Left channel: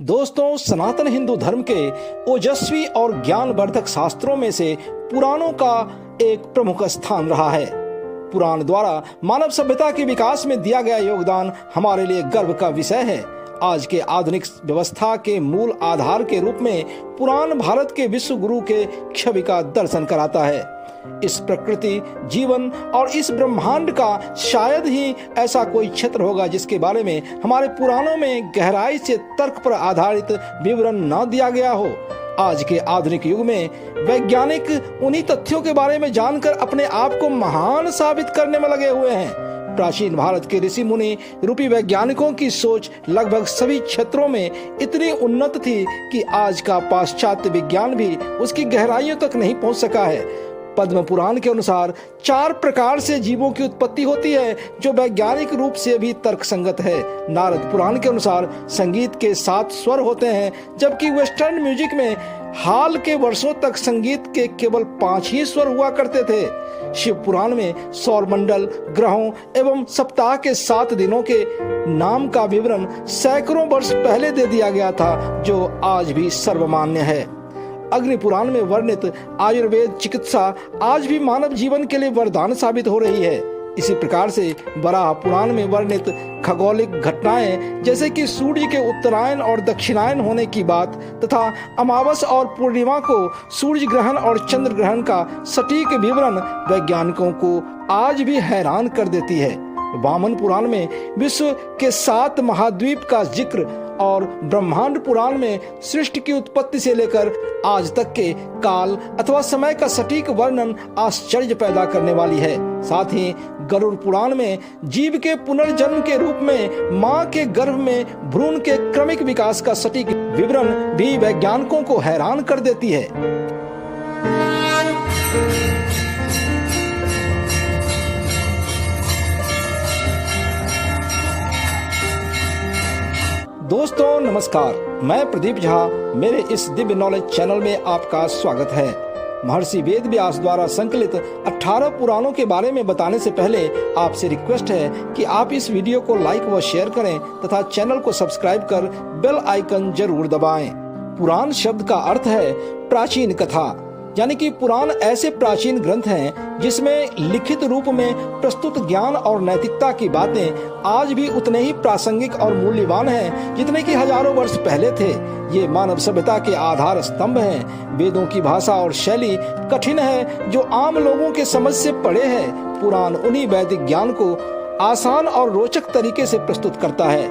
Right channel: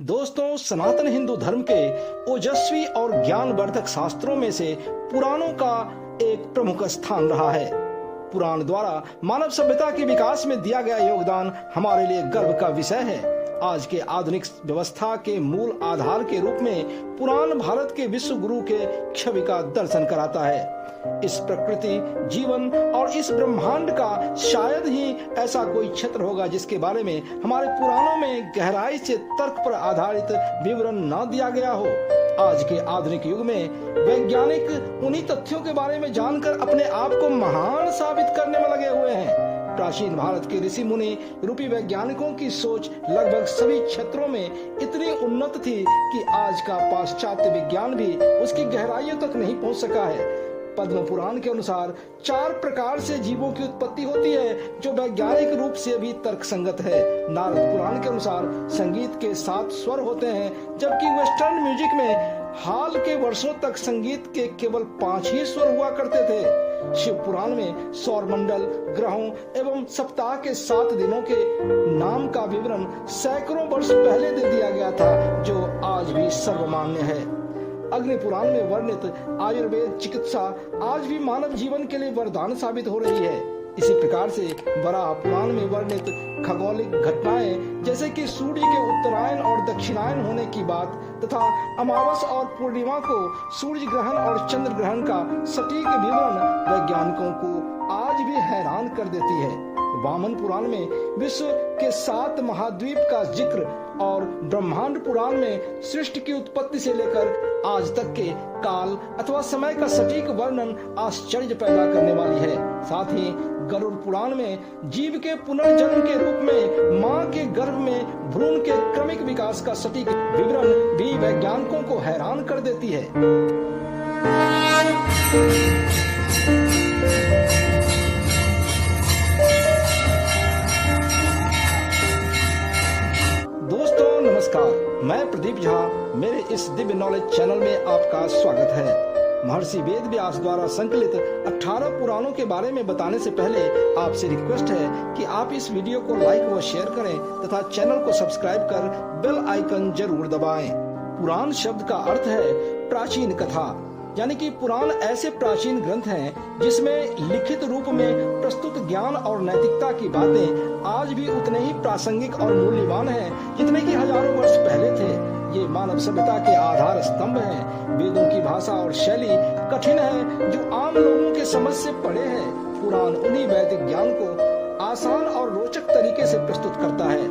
दोस्तों, सनातन हिंदू धर्म के ओजस्वी और ज्ञानवर्धक शास्त्रों में से पुराणों का एक प्रमुख स्थान रहा है। पुराण द्वारा मानव सभ्यता के विकास में दिया गया योगदान हमारे लिए गर्व का विषय है। आज के आधुनिक व्यवस्था के मूल आधार के रूप में पुराण भारत के विश्व गुरु के छवि का दर्शन कराता है। इस प्रकृति, जीवन और इस ब्रह्मांड का शायद ही ऐसा कोई क्षेत्र होगा जिसके बारे में हमारे पुराणों में गहराई से तर्क पर आधारित विवरण न दिया गया हो। आज के आधुनिक युग में वैज्ञानिक उन्हीं तथ्यों के बारे में जानकर अपने आप को महान साबित करने में लगे हुए हैं। प्राचीन भारत के ऋषि मुनि रूपी वैज्ञानिकों की सोच लगभग सभी क्षेत्रों में इतनी उन्नत थी कि आज का पाश्चात्य विज्ञान भी उसकी गहराइयों तक नहीं पहुंच सका है। पद्म पुराण के अनुसार 4 प्रकार से जीवों की उत्पत्ति होती है, जो वैज्ञानिक रूप से भी तर्कसंगत है। नारद पुराण के अनुसार संगीत के 7 स्वर होते हैं, जबकि वेस्टर्न म्यूजिक में हाल के वर्षों तक संगीत के केवल 5 ही स्वर हुआ करते थे। शिव पुराण में सौर मंडल, ग्रहों एवं सप्ताह के 7 दिनों के नाम का विवरण सैकड़ों वर्ष पहले दे दिया गया था, जो आज भी सर्वमान्य है। अग्नि पुराण में वर्णित आयुर्वेद चिकित्सा आज भी मानव जीवन के लिए वरदान साबित हो रही है। इसी प्रकार से वराह पुराण में वर्णित खगोलिक घटनाएं जैसे कि सूर्य के उत्तरायण और दक्षिणायन होने की बात तथा अमावस और पूर्णिमा को सूर्य ग्रहण और चंद्र ग्रहण का सटीक विवरण वैज्ञानिकों को आज भी हैरान कर देती है। वामन पुराण में विश्व के 7 महाद्वीप का जिक्र और ब्रह्मांड पुराण में सृष्टि की उत्पत्ति से लेकर आज तक के काल अथवा समय का सटीक वर्णन आश्चर्य पैदा करने वाली है। साथ ही गरुड़ पुराण में जीव के पुनर्जन्म के रूप में मां के गर्भ में भ्रूण के क्रमिक विकास का सटीक विवरण भी वैज्ञानिकों को हैरान कर देती है। दोस्तों नमस्कार, मैं प्रदीप झा। मेरे इस दिव्य नॉलेज चैनल में आपका स्वागत है। महर्षि वेद व्यास द्वारा संकलित 18 पुराणों के बारे में बताने से पहले आपसे रिक्वेस्ट है कि आप इस वीडियो को लाइक व शेयर करें तथा चैनल को सब्सक्राइब कर बेल आइकन जरूर दबाएं। पुराण शब्द का अर्थ है प्राचीन कथा, यानी कि पुराण ऐसे प्राचीन ग्रंथ हैं जिसमें लिखित रूप में प्रस्तुत ज्ञान और नैतिकता की बातें आज भी उतने ही प्रासंगिक और मूल्यवान हैं जितने कि हजारों वर्ष पहले थे। ये मानव सभ्यता के आधार स्तंभ हैं। वेदों की भाषा और शैली कठिन है जो आम लोगों के समझ से परे है। पुराण उन्हीं वैदिक ज्ञान को आसान और रोचक तरीके से प्रस्तुत करता है।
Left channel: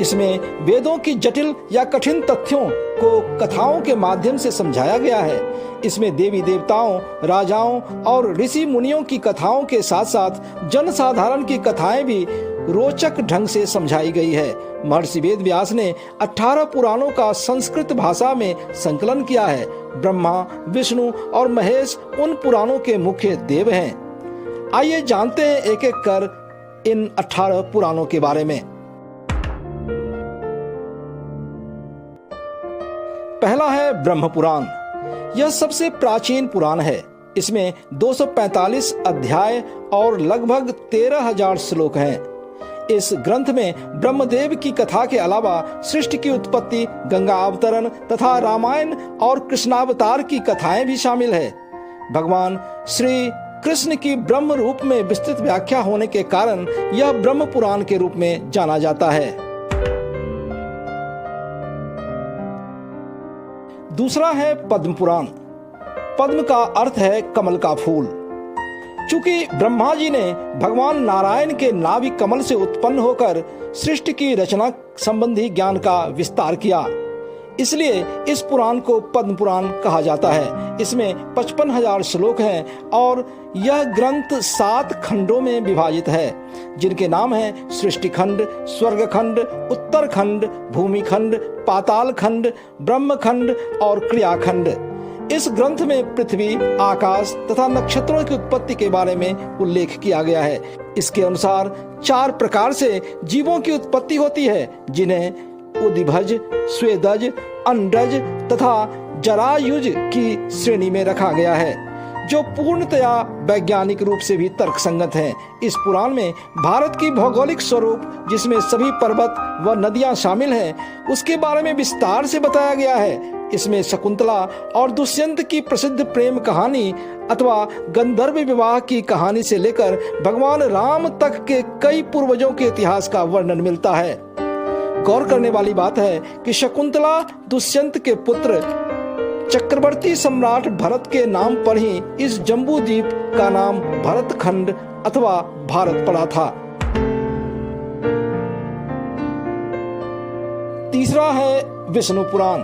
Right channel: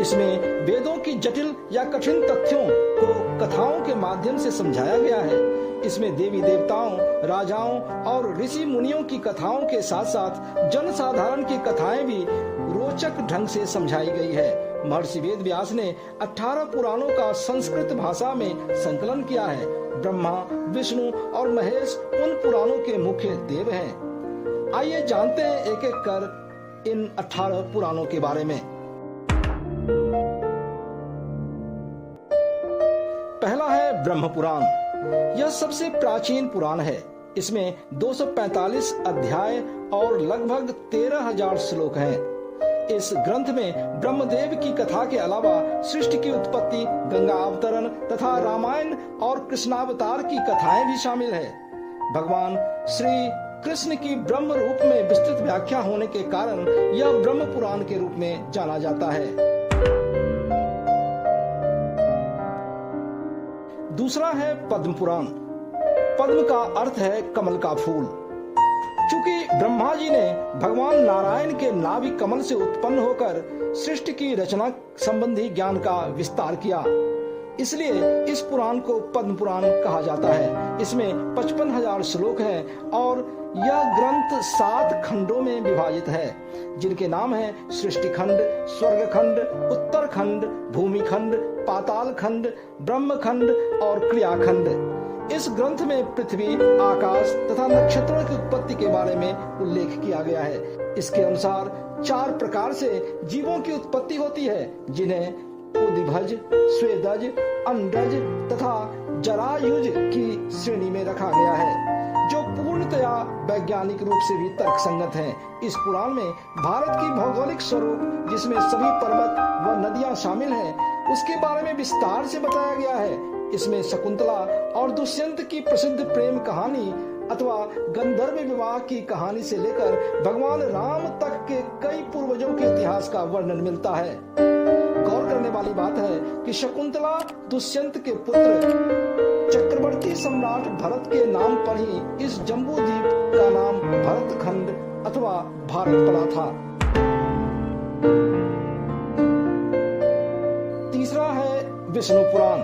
इसमें वेदों की जटिल या कठिन तथ्यों को कथाओं के माध्यम से समझाया गया है। इसमें देवी देवताओं, राजाओं और ऋषि मुनियों की कथाओं के साथ साथ जनसाधारण की कथाएं भी रोचक ढंग से समझाई गई है। महर्षि वेद व्यास ने 18 पुराणों का संस्कृत भाषा में संकलन किया है। ब्रह्मा, विष्णु और महेश उन पुराणों के मुख्य देव हैं। आइए जानते हैं एक एक कर इन 18 पुराणों के बारे में। पहला है ब्रह्म पुराण। यह सबसे प्राचीन पुराण है। इसमें 245 अध्याय और लगभग 13,000 श्लोक हैं। इस ग्रंथ में ब्रह्मदेव की कथा के अलावा सृष्टि की उत्पत्ति, गंगा अवतरण तथा रामायण और कृष्णावतार की कथाएं भी शामिल है। भगवान श्री कृष्ण की ब्रह्म रूप में विस्तृत व्याख्या होने के कारण यह ब्रह्म पुराण के रूप में जाना जाता है। दूसरा है पद्म पुराण। पद्म का अर्थ है कमल का फूल। चूंकि ब्रह्मा जी ने भगवान नारायण के नाभि कमल से उत्पन्न होकर सृष्टि की रचना संबंधी ज्ञान का विस्तार किया, इसलिए इस पुराण को पद्म पुराण कहा जाता है। इसमें 55,000 श्लोक हैं और यह ग्रंथ 7 खंडों में विभाजित है, जिनके नाम हैं सृष्टि खंड, स्वर्ग खंड, उत्तर खंड, भूमि खंड, पाताल खंड, ब्रह्म खंड और क्रिया खंड। इस ग्रंथ में पृथ्वी, आकाश तथा नक्षत्रों की उत्पत्ति के बारे में उल्लेख किया गया है। इसके अनुसार 4 प्रकार से जीवों की उत्पत्ति होती है, जिन्हें उदिभज, स्वेदज, अंडज तथा जरायुज की श्रेणी में रखा गया है। जो पूर्णतया वैज्ञानिक रूप से भी तर्कसंगत हैं। इस पुराण में भारत की भौगोलिक स्वरूप, जिसमें सभी पर्वत व नदियां शामिल हैं, उसके बारे में विस्तार से बताया गया है। इसमें शकुंतला और दुष्यंत की प्रसिद्ध प्रेम कहानी अथवा गंधर्व विवाह की कहानी से लेकर भगवान राम तक के कई पूर्वजों के इतिहास का वर्णन मिलता है। गौर करने वाली बात है कि शकुंतला दुष्यंत के पुत्र चक्रवर्ती सम्राट भरत के नाम पर ही इस जम्बू द्वीप का नाम भरतखंड अथवा भारत पड़ा था। तीसरा है विष्णु पुराण।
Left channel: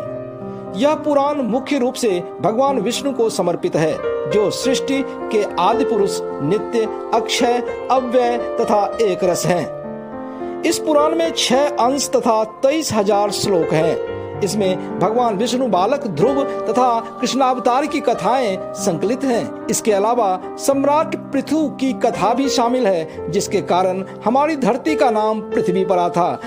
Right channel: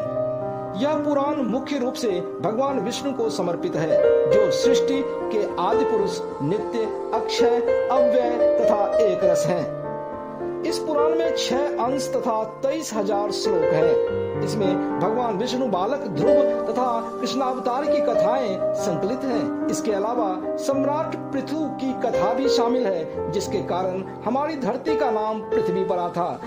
यह पुराण मुख्य रूप से भगवान विष्णु को समर्पित है, जो सृष्टि के आदि पुरुष, नित्य, अक्षय, अव्यय तथा एक रस हैं। इस पुराण में 6 अंश तथा 23,000 श्लोक हैं। इसमें भगवान विष्णु बालक ध्रुव तथा कृष्णावतार की कथाएं संकलित हैं। इसके अलावा सम्राट पृथु की कथा भी शामिल है, जिसके कारण हमारी धरती का नाम पृथ्वी पड़ा था।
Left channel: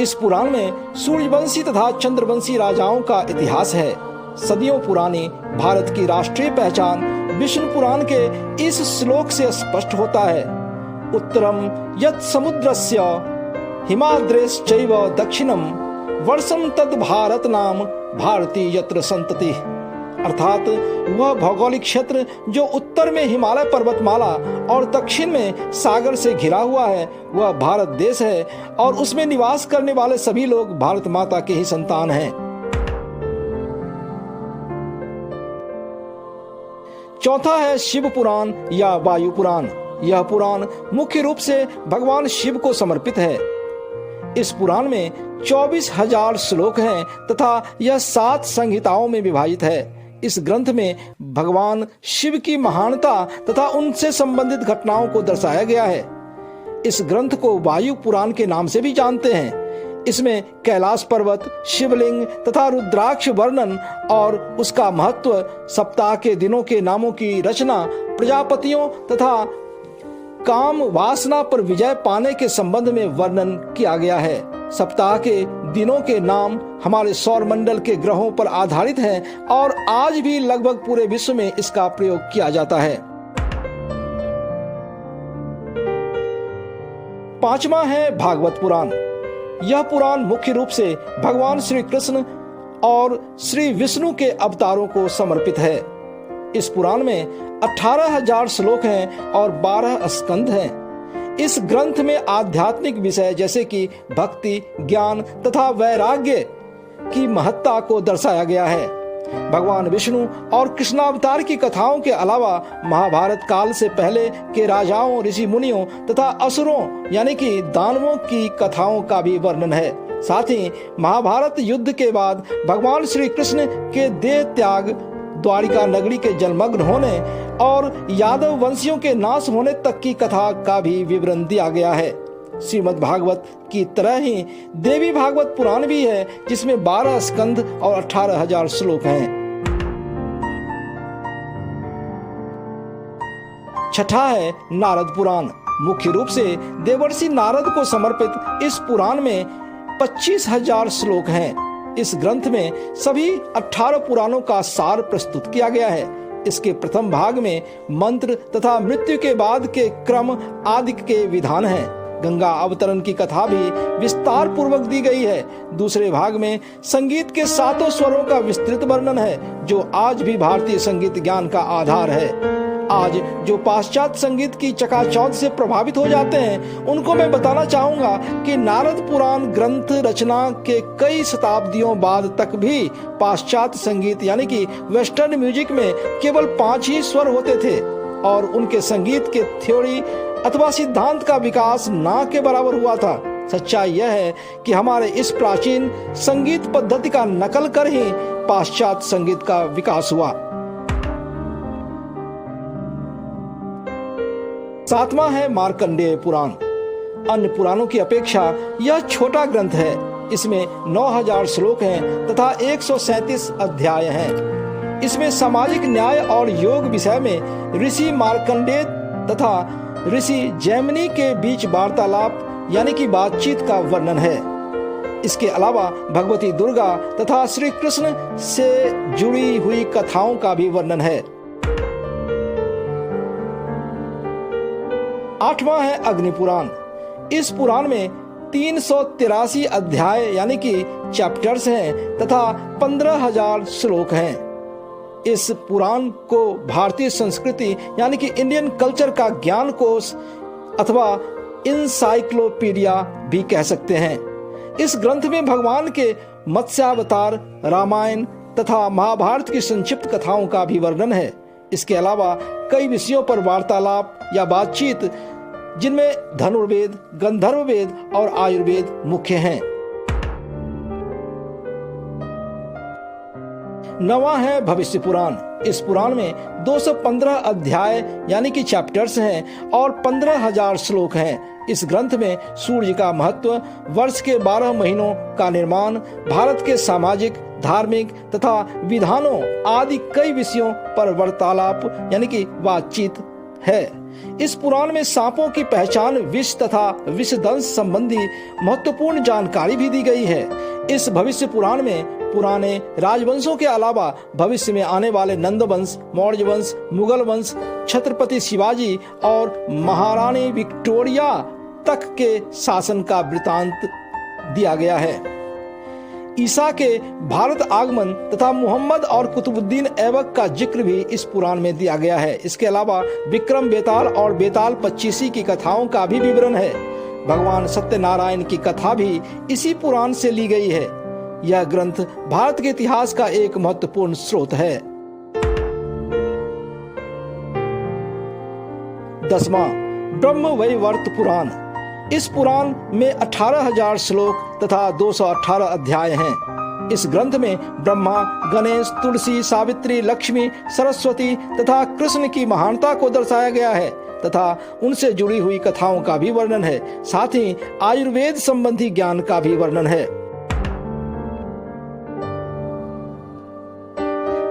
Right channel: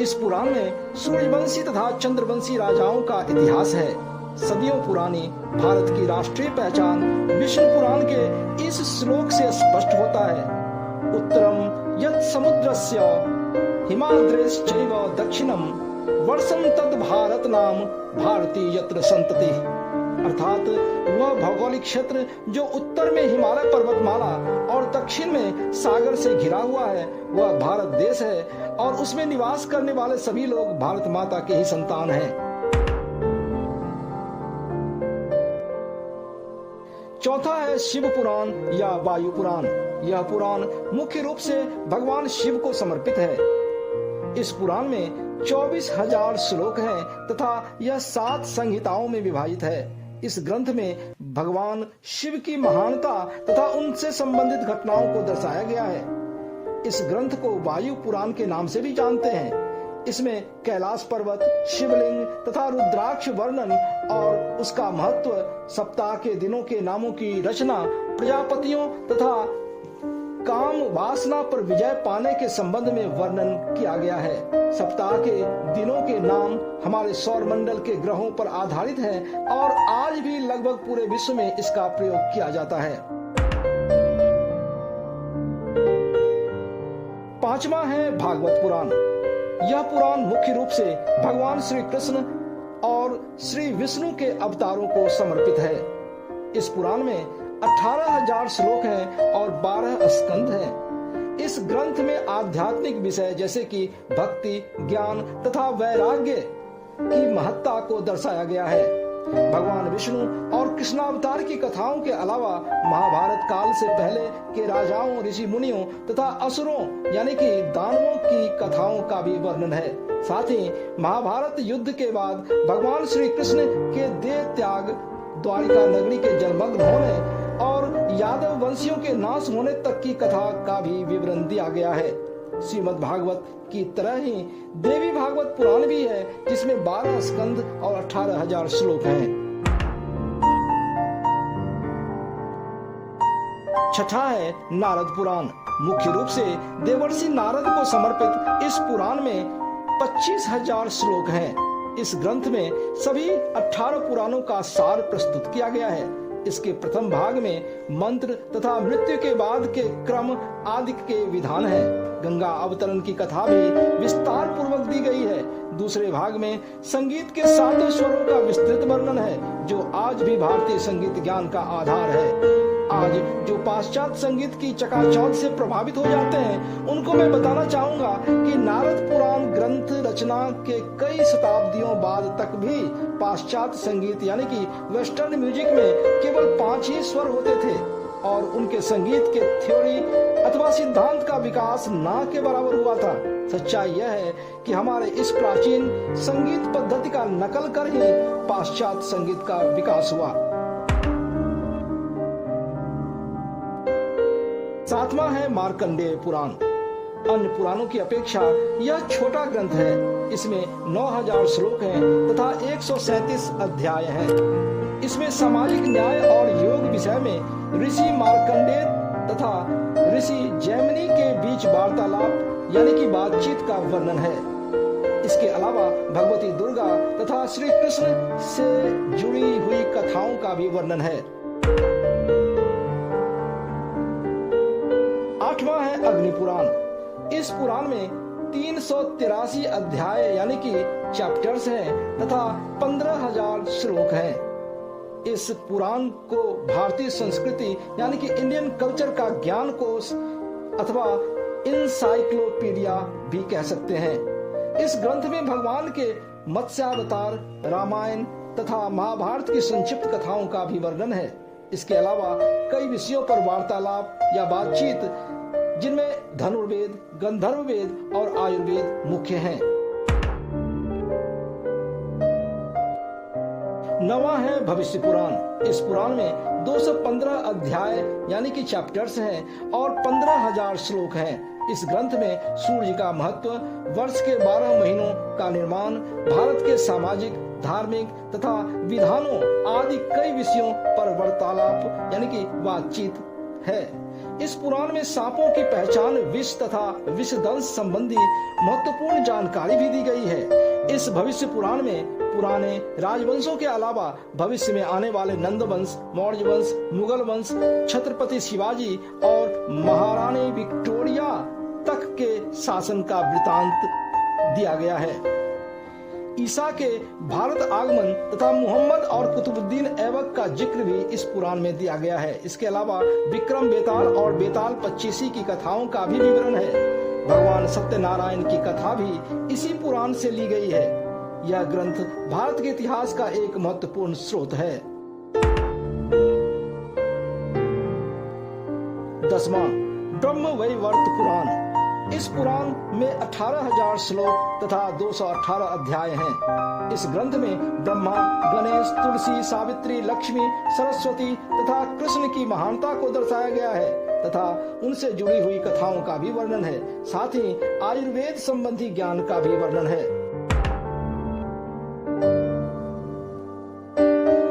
इस पुराण में सूर्यवंशी तथा चंद्रवंशी राजाओं का इतिहास है। सदियों पुरानी भारत की राष्ट्रीय पहचान विष्णु पुराण के इस श्लोक से स्पष्ट होता है। उत्तरम यत् समुद्रस्य हिमाद्रेश्चैव दक्षिणम वर्षम तद भारत नाम भारती यत्र संतति। अर्थात वह भौगोलिक क्षेत्र जो उत्तर में हिमालय पर्वतमाला और दक्षिण में सागर से घिरा हुआ है, वह भारत देश है और उसमें निवास करने वाले सभी लोग भारत माता के ही संतान हैं। चौथा है शिव पुराण या वायु पुराण। यह पुराण मुख्य रूप से भगवान शिव को समर्पित है। इस पुराण में 24,000 श्लोक हैं तथा यह 7 संहिताओं में विभाजित है। इस ग्रंथ में भगवान शिव की महानता तथा उनसे संबंधित घटनाओं को दर्शाया गया है। इस ग्रंथ को वायु पुराण के नाम से भी जानते हैं। इसमें कैलाश पर्वत, शिवलिंग तथा रुद्राक्ष वर्णन और उसका महत्व, सप्ताह के दिनों के नामों की रचना, प्रजापतियों तथा काम वासना पर विजय पाने के संबंध में वर्णन किया गया है। सप्ताह के दिनों के नाम हमारे सौर मंडल के ग्रहों पर आधारित हैं और आज भी लगभग पूरे विश्व में इसका प्रयोग किया जाता है। पांचवा है भागवत पुराण। यह पुराण मुख्य रूप से भगवान श्री कृष्ण और श्री विष्णु के अवतारों को समर्पित है। इस पुराण में 18,000 श्लोक हैं और 12 स्कंध हैं। इस ग्रंथ में आध्यात्मिक विषय जैसे कि भक्ति, ज्ञान तथा वैराग्य की महत्ता को दर्शाया गया है। भगवान विष्णु और कृष्णावतार की कथाओं के अलावा महाभारत काल से पहले के राजाओं, ऋषि मुनियों तथा असुरों यानी कि दानवों की कथाओं का भी वर्णन है। साथ ही महाभारत युद्ध के बाद भगवान श्री कृष्ण के देह त्याग, द्वारिका नगरी के जलमग्न होने और यादव वंशियों के नाश होने तक की कथा का भी विवरण दिया गया है। श्रीमद् भागवत की तरह ही देवी भागवत पुराण भी है, जिसमें 12 स्कंध और 18,000 श्लोक हैं। छठा है नारद पुराण। मुख्य रूप से देवर्षि नारद को समर्पित इस पुराण में 25,000 श्लोक हैं। इस ग्रंथ में सभी 18 पुराणों का सार प्रस्तुत किया गया है। इसके प्रथम भाग में मंत्र तथा मृत्यु के बाद के क्रम आदि के विधान हैं। गंगा अवतरण की कथा भी विस्तार पूर्वक दी गई है। दूसरे भाग में संगीत के 7 स्वरों का विस्तृत वर्णन है, जो आज भी भारतीय संगीत ज्ञान का आधार है। आज जो पाश्चात्य संगीत की चकाचौंध से प्रभावित हो जाते हैं, उनको मैं बताना चाहूंगा कि नारद पुराण ग्रंथ रचना के कई शताब्दियों बाद तक भी पाश्चात्य संगीत यानी कि वेस्टर्न म्यूजिक में केवल 5 ही स्वर होते थे और उनके संगीत के थ्योरी अथवा सिद्धांत का विकास ना के बराबर हुआ था। सच्चाई यह है कि हमारे इस प्राचीन संगीत पद्धति का नकल कर ही पाश्चात्य संगीत का विकास हुआ। 7वां है मार्कंडेय पुराण। अन्य पुराणों की अपेक्षा यह छोटा ग्रंथ है। इसमें 9,000 श्लोक हैं तथा 137 अध्याय हैं। इसमें सामाजिक न्याय और योग विषय में ऋषि मार्कंडेय तथा ऋषि जैमिनी के बीच वार्तालाप यानी कि बातचीत का वर्णन है। इसके अलावा भगवती दुर्गा तथा श्री कृष्ण से जुड़ी हुई कथाओं का भी वर्णन है। 8वां है अग्नि पुराण। इस पुराण में 383 अध्याय यानी कि चैप्टर्स हैं तथा 15,000 श्लोक हैं। इस पुराण को भारतीय संस्कृति यानी कि इंडियन कल्चर का ज्ञान कोश अथवा इंसाइक्लोपीडिया भी कह सकते हैं। इस ग्रंथ में भगवान के मत्स्यावतार, रामायण तथा महाभारत की संक्षिप्त कथाओं का भी वर्णन है। इसके अलावा कई विषयों पर वार्तालाप या बातचीत, जिनमें धनुर्वेद, गंधर्व वेद और आयुर्वेद मुख्य हैं। 9वां है भविष्य पुराण। इस पुराण में 215 अध्याय यानी कि चैप्टर्स हैं और 15,000 श्लोक हैं। इस ग्रंथ में सूर्य का महत्व, वर्ष के 12 महीनों का निर्माण, भारत के सामाजिक, धार्मिक तथा विधानों आदि कई विषयों पर वार्तालाप यानी कि बातचीत है। इस पुराण में सांपों की पहचान, विष तथा विषदंश संबंधी महत्वपूर्ण जानकारी भी दी गई है। इस भविष्य पुराण में पुराने राजवंशों के अलावा भविष्य में आने वाले नंद वंश, मौर्य वंश, मुगल वंश, छत्रपति शिवाजी और महारानी विक्टोरिया तक के शासन का वृतांत दिया गया है। ईसा के भारत आगमन तथा मुहम्मद और कुतुबुद्दीन ऐबक का जिक्र भी इस पुराण में दिया गया है। इसके अलावा विक्रम बेताल और बेताल पच्चीसी की कथाओं का भी विवरण है। भगवान सत्यनारायण की कथा भी इसी पुराण से ली गई है। यह ग्रंथ भारत के इतिहास का एक महत्वपूर्ण स्रोत है। 10वां ब्रह्मवैवर्त पुराण। इस पुराण में 18,000 श्लोक तथा 218 अध्याय हैं। इस ग्रंथ में ब्रह्मा, गणेश, तुलसी, सावित्री, लक्ष्मी, सरस्वती तथा कृष्ण की महानता को दर्शाया गया है तथा उनसे जुड़ी हुई कथाओं का भी वर्णन है। साथ ही आयुर्वेद संबंधी ज्ञान का भी वर्णन है।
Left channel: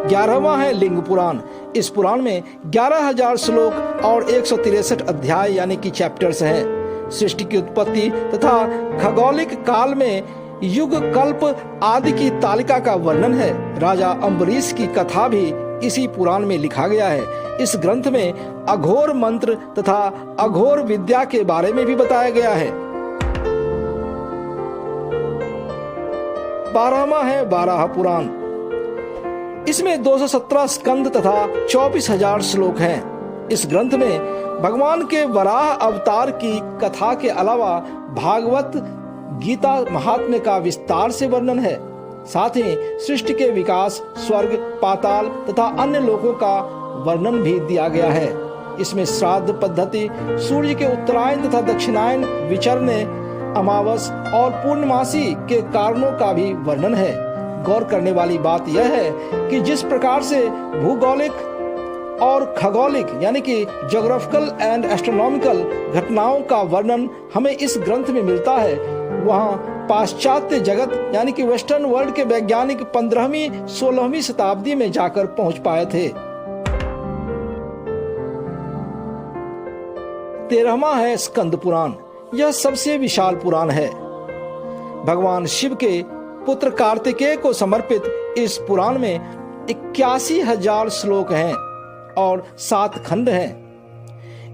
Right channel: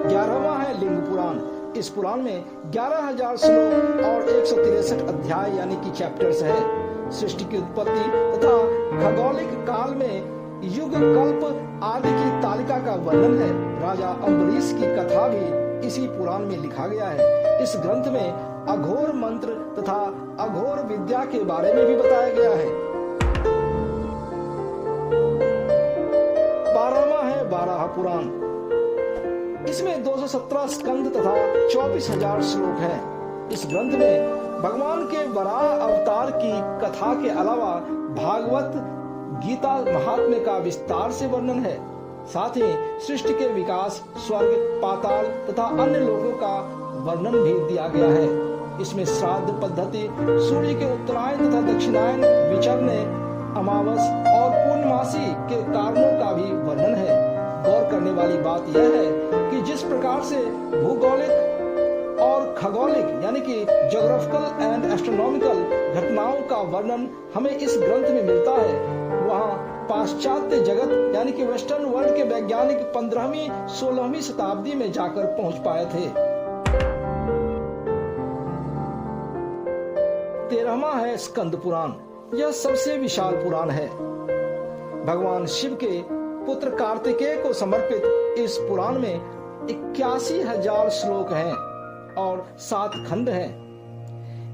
11वां है लिंग पुराण। इस पुराण में 11,000 श्लोक और 163 अध्याय यानी कि चैप्टर्स हैं। सृष्टि की उत्पत्ति तथा खगोलिक काल में युग, कल्प आदि की तालिका का वर्णन है। राजा अम्बरीश की कथा भी इसी पुराण में लिखा गया है। इस ग्रंथ में अघोर मंत्र तथा अघोर विद्या के बारे में भी बताया गया है। 12वां है वाराह पुराण। इसमें 217 स्कंद तथा 24,000 श्लोक हैं। इस ग्रंथ में भगवान के वराह अवतार की कथा के अलावा भागवत गीता महात्म्य का विस्तार से वर्णन है। साथ ही सृष्टि के विकास, स्वर्ग, पाताल तथा अन्य लोकों का वर्णन भी दिया गया है। इसमें श्राद्ध पद्धति, सूर्य के उत्तरायण तथा दक्षिणायन विचरने, अमावस और पूर्णमासी के कारणों का भी वर्णन है। गौर करने वाली बात यह है कि जिस प्रकार से भूगोलिक और खगोलिक यानी कि ज्योग्राफिकल एंड एस्ट्रोनॉमिकल घटनाओं का वर्णन हमें इस ग्रंथ में मिलता है, वहाँ पाश्चात्य जगत यानी कि वेस्टर्न वर्ल्ड के वैज्ञानिक 15वीं 16वीं शताब्दी में जाकर पहुंच पाए थे। 13वां है स्कंद पुराण। यह सबसे विशाल पुराण है। भगवान शिव के पुत्र कार्तिकेय को समर्पित इस पुराण में 81,000 श्लोक हैं और 7 खंड हैं।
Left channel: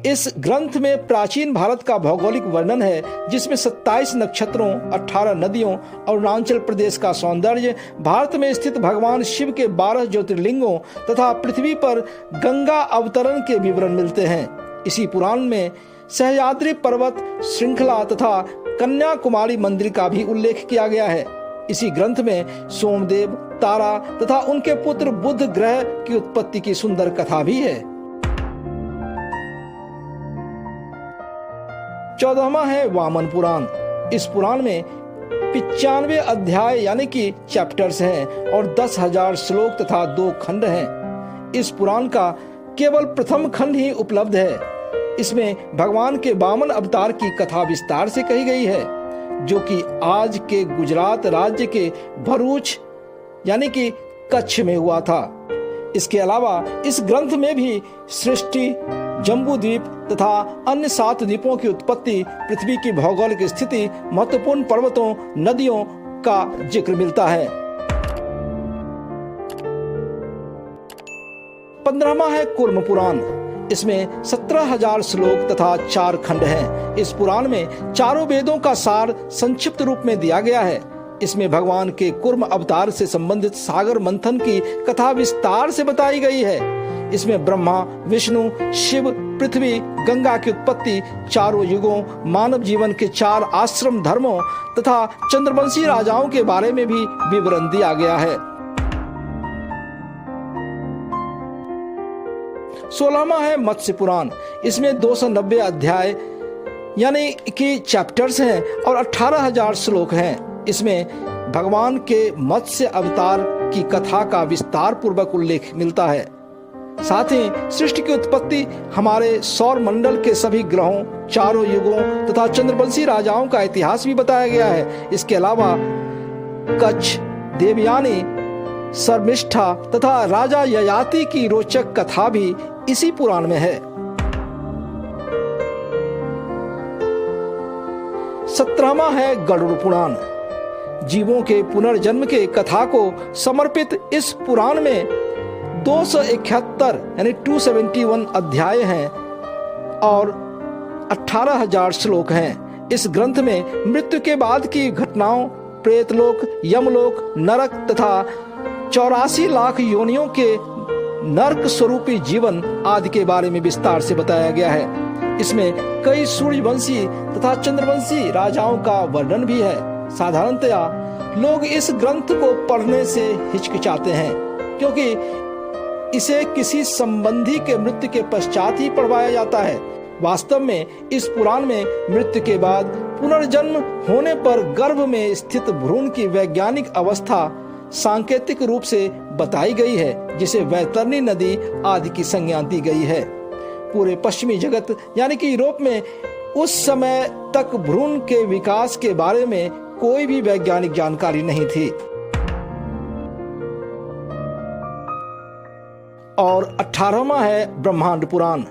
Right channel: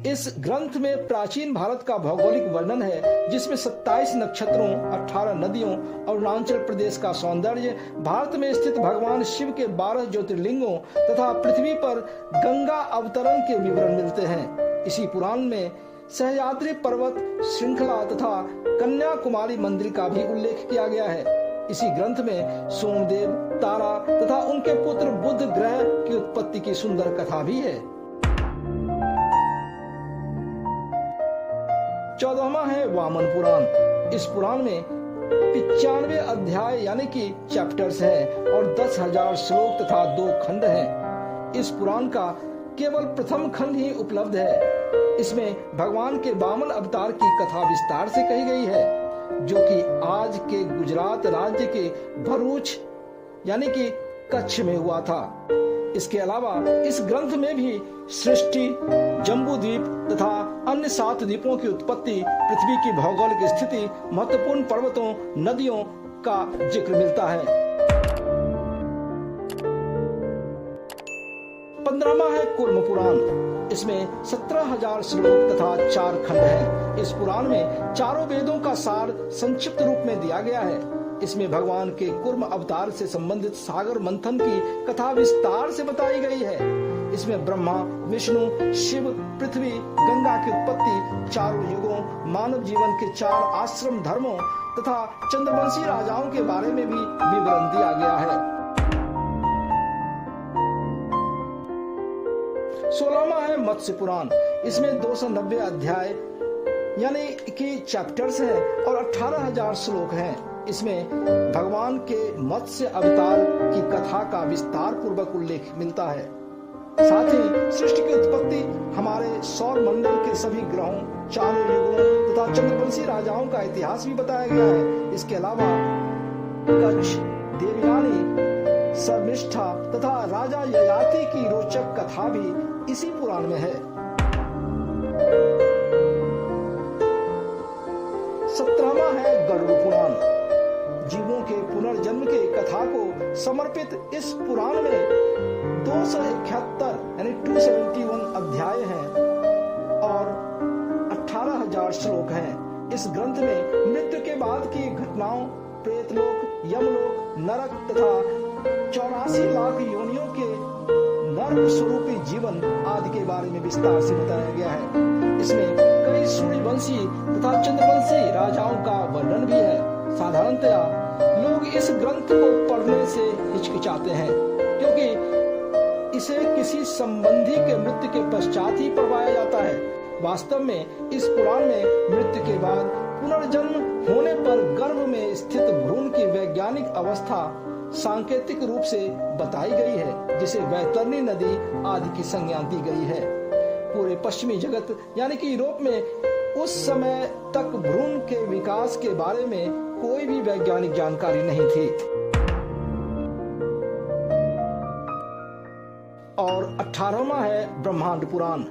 इस ग्रंथ में प्राचीन भारत का भौगोलिक वर्णन है, जिसमें 27 नक्षत्रों, 18 नदियों, अरुणाचल प्रदेश का सौंदर्य, भारत में स्थित भगवान शिव के 12 ज्योतिर्लिंगों तथा पृथ्वी पर गंगा अवतरण के विवरण मिलते हैं। इसी पुराण में सह्याद्री पर्वत श्रृंखला तथा कन्याकुमारी मंदिर का भी उल्लेख किया गया है। इसी ग्रंथ में सोमदेव, तारा तथा उनके पुत्र बुध ग्रह की उत्पत्ति की सुंदर कथा भी है। 14वां है वामन पुराण। इस पुराण में 95 अध्याय यानी कि चैप्टर्स हैं और 10,000 श्लोक तथा 2 खंड हैं। इस पुराण का केवल प्रथम खंड ही उपलब्ध है। इसमें भगवान के वामन अवतार की कथा विस्तार से कही गई है, जो कि आज के गुजरात राज्य के भरूच यानी कि कच्छ में हुआ था। इसके अलावा इस ग्रंथ में भी सृष्टि, जम्बू द्वीप तथा अन्य 7 द्वीपों की उत्पत्ति, पृथ्वी की भौगोलिक स्थिति, महत्वपूर्ण पर्वतों, नदियों का जिक्र मिलता है। 15वां है कूर्म पुराण। इसमें 17,000 श्लोक तथा 4 खंड हैं। इस पुराण में चारों वेदों का सार संक्षिप्त रूप में दिया गया है। इसमें भगवान के कूर्म अवतार से संबंधित सागर मंथन की कथा विस्तार से बताई गई है। इसमें ब्रह्मा, विष्णु, शिव, पृथ्वी, गंगा की उत्पत्ति, चारों युगों, मानव जीवन के 4 आश्रम धर्मों तथा चंद्रवंशी राजाओं के बारे में भी विवरण दिया गया है। 16वां है मत्स्य पुराण। इसमें 290 अध्याय यानी कि चैप्टर्स हैं और 18,000 श्लोक हैं। इसमें भगवान के मत्स्य अवतार की कथा का विस्तार पूर्वक उल्लेख मिलता है। साथ ही सृष्टि की उत्पत्ति, हमारे सौर मंडल के सभी ग्रहों, चारों युगों तथा चंद्रवंशी राजाओं का इतिहास भी बताया गया है। इसके अलावा कच्छ, देवयानी, शर्मिष्ठा तथा राजा ययाति की रोचक कथा भी इसी पुराण में है। 17वां है गरुड़ पुराण। जीवों के पुनर्जन्म के कथा को समर्पित इस पुराण में 271 यानी 271 अध्याय हैं और 18,000 श्लोक हैं। इस ग्रंथ में मृत्यु के बाद की घटनाओं, प्रेतलोक, यमलोक, नरक तथा 84 लाख योनियों के नरक स्वरूपी जीवन आदि के बारे में विस्तार से बताया गया है। इसमें कई सूर्यवंशी तथा चंद्रवंशी राजाओं का वर्णन भी है। साधारणतया लोग इस ग्रंथ को पढ़ने से हिचकिचाते हैं क्योंकि इसे किसी संबंधी के मृत्यु के पश्चात ही पढ़वाया जाता है। वास्तव में इस पुराण में मृत्यु के बाद पुनर्जन्म होने पर गर्भ में स्थित भ्रूण की वैज्ञानिक अवस्था सांकेतिक रूप से बताई गई है, जिसे वैतरणी नदी आदि की संज्ञा दी गई है। पूरे पश्चिमी जगत यानी कि यूरोप में उस समय तक भ्रूण के विकास के बारे में कोई भी वैज्ञानिक जानकारी नहीं थी। और 18वां है ब्रह्मांड पुराण।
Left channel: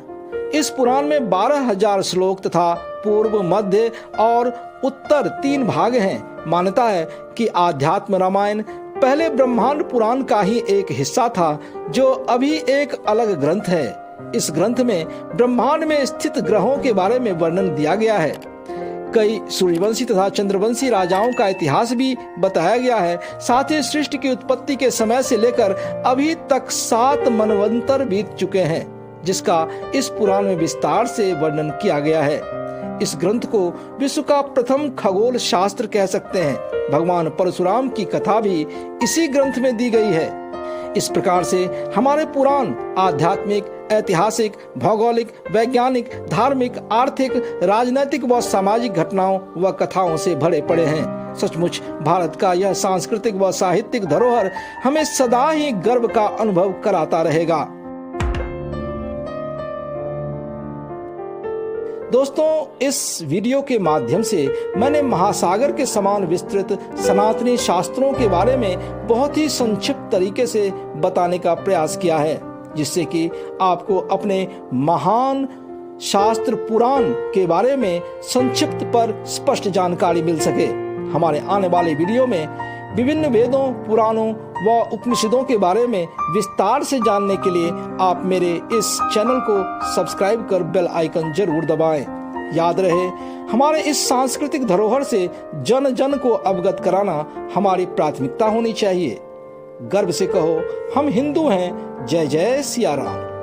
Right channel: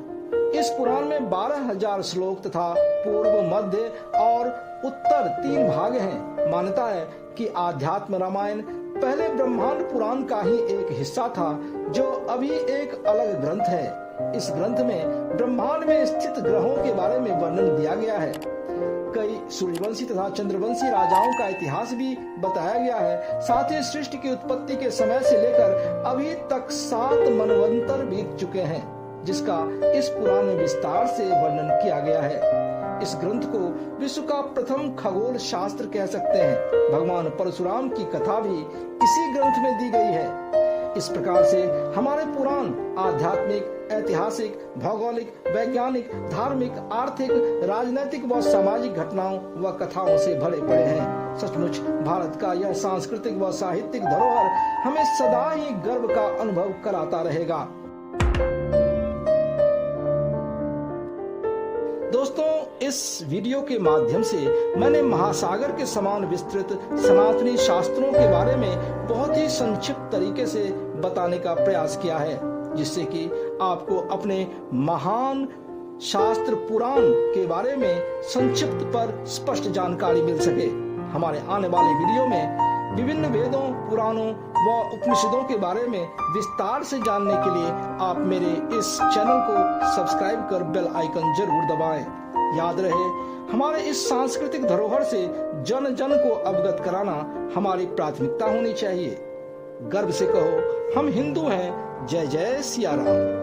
इस पुराण में 12,000 श्लोक तथा पूर्व, मध्य और उत्तर 3 भाग हैं। मान्यता है कि आध्यात्म रामायण पहले ब्रह्मांड पुराण का ही एक हिस्सा था, जो अभी एक अलग ग्रंथ है। इस ग्रंथ में ब्रह्मांड में स्थित ग्रहों के बारे में वर्णन दिया गया है। कई सूर्यवंशी तथा चंद्रवंशी राजाओं का इतिहास भी बताया गया है। साथ ही सृष्टि की उत्पत्ति के समय से लेकर अभी तक 7 मनवंतर बीत चुके हैं, जिसका इस पुराण में विस्तार से वर्णन किया गया है। इस ग्रंथ को विश्व का प्रथम खगोल शास्त्र कह सकते हैं। भगवान परशुराम की कथा भी इसी ग्रंथ में दी गई है। इस प्रकार से हमारे पुराण आध्यात्मिक, ऐतिहासिक, भौगोलिक, वैज्ञानिक, धार्मिक, आर्थिक, राजनैतिक व सामाजिक घटनाओं व कथाओं से भरे पड़े हैं। सचमुच भारत का यह सांस्कृतिक व साहित्यिक धरोहर हमें सदा ही गर्व का अनुभव कराता रहेगा। दोस्तों, इस वीडियो के माध्यम से मैंने महासागर के समान विस्तृत सनातनी शास्त्रों के बारे में बहुत ही संक्षिप्त तरीके से बताने का प्रयास किया है, जिससे कि आपको अपने महान शास्त्र पुराण के बारे में संक्षिप्त पर स्पष्ट जानकारी मिल सके। हमारे आने वाले वीडियो में विभिन्न वेदों, पुराणों व उपनिषदों के बारे में विस्तार से जानने के लिए आप मेरे इस चैनल को सब्सक्राइब कर बेल आइकन जरूर दबाएं। याद रहे, हमारे इस सांस्कृतिक धरोहर से जन जन को अवगत कराना हमारी प्राथमिकता होनी चाहिए। गर्व से कहो, हम हिंदू हैं। जय जय सिया राम।